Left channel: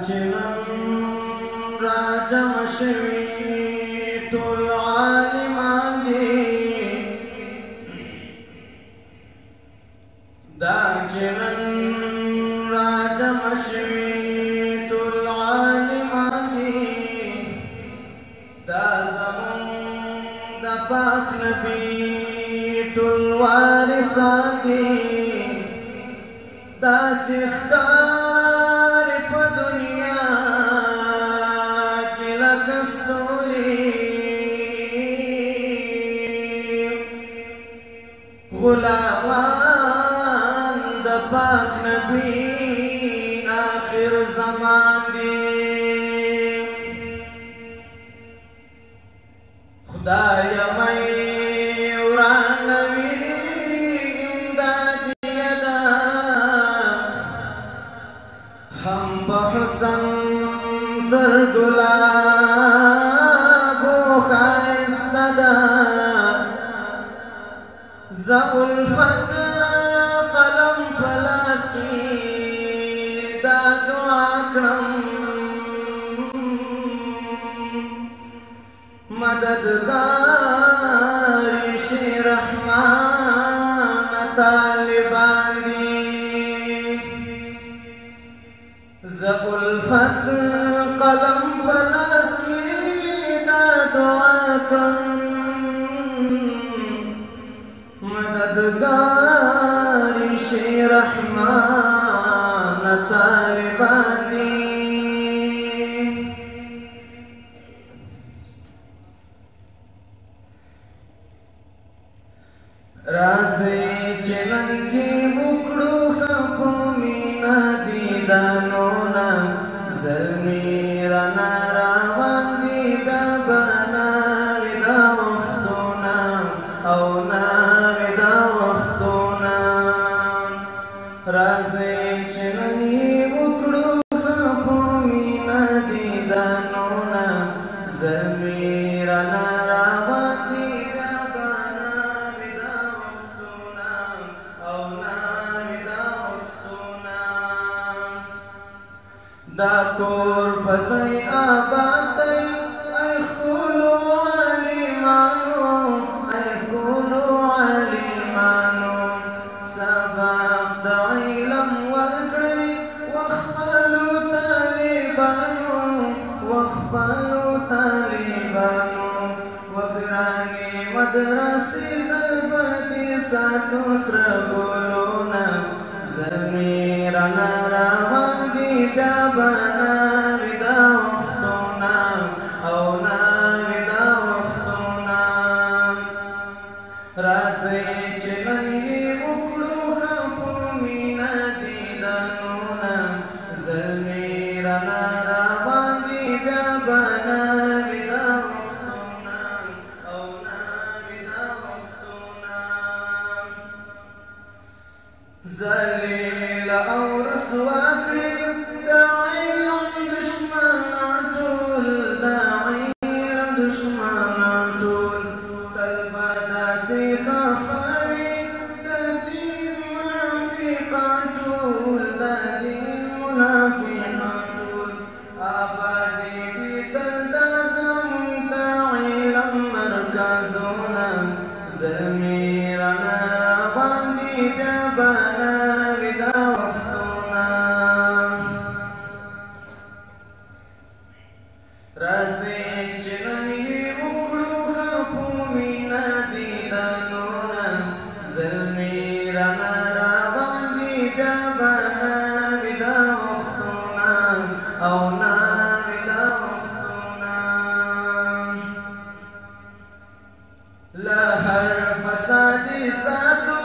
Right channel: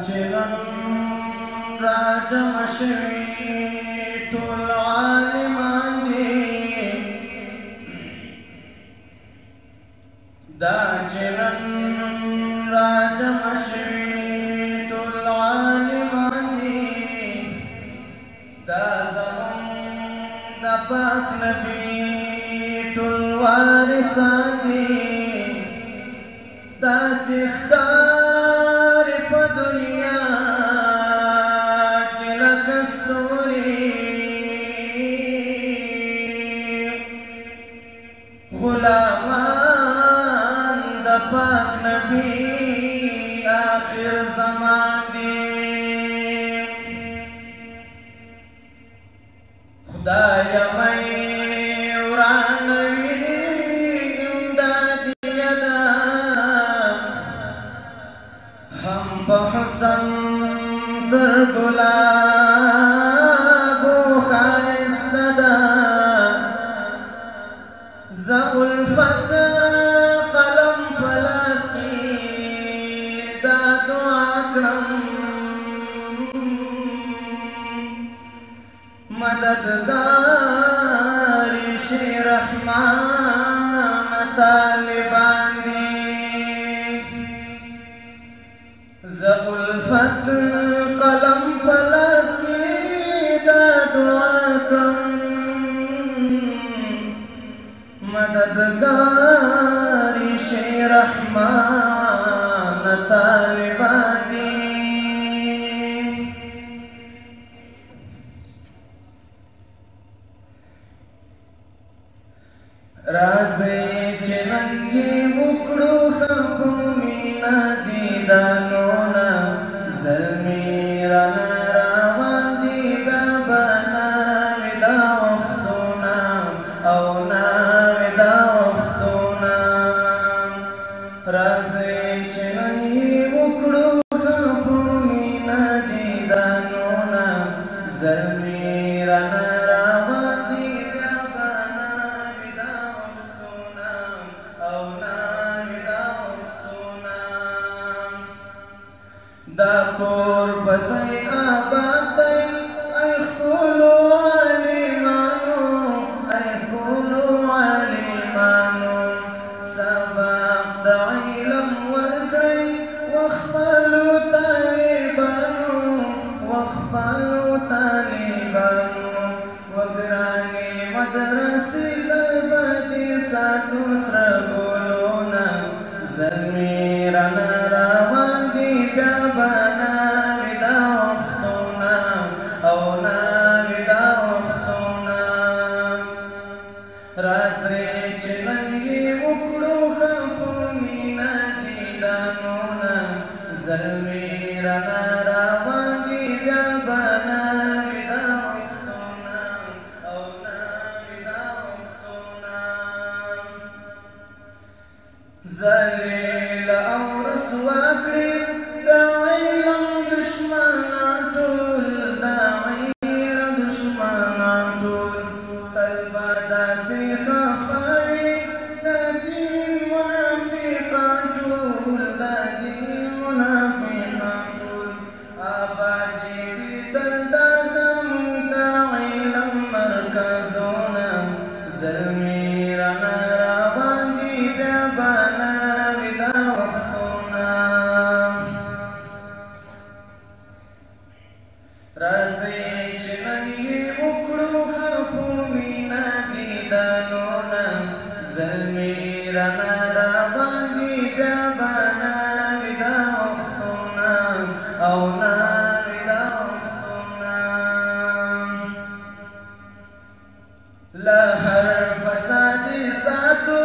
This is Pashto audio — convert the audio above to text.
چنن راجم شوی ټول عالمان دي دا چنن راجم شوی ټول عالمان دي دا زمون د پاک نبی ټول وارثان دي دا سختار په دنیا کې لکه ستوري غلامان د پاک نبی آخر زمان دي خدایا مې بحسن در گلابو خائسته ده زه الفت قلم په لاس کې دا دعا کړم مددگار شي رحمان طالبان دي زه الفت قلم په لاس کې دا دعا کوم مددگار شي رحمان طالبان دي راځئ چې ننګې وکړو ښه په مینه دیدنو زلمی رانا روان دی بیا به ناوي دا وختونه او ناوي دا وختونه راځئ چې نن یې وکړو ښه په مینه دیدنونه زلمی رانا روان دی بیا به ناوي دا وختونه او ناوي دا وختونه دا کور بدای آباد دی ای خولو علیمانو ای خولو علیمانو سبق د علم ورکړي وخپلو طالبانو وخپلو طالبانو وګرانې مدرسې بلبدې ساتو سره ګلونه زلمي رانا روان دي بیا به ناوي دا وختونه او ناوي دا وختونه راځئ چې نن یې وکړو ښه په مینه دیدنونه زلمي رانا روان دي بیا به ناوي دا وختونه او ناوي دا وختونه ذلیل او رسوا کړي دا علم دشمنان ټول دا علم دشمنان ټول قلب داسې خفوي د دین منافقان ټول د دین منافقان ټول آبادي وي دلته زموږ د علم مرکزونه زلمي رانا روان دي بیا به ناوي دا وختونه راځئ چې نن یې وکړو ښه په مینه دیدنونه زلمي رانا روان دي بیا به ناوي دا وختونه او ناوي دا وختونه له هر فساد ساتو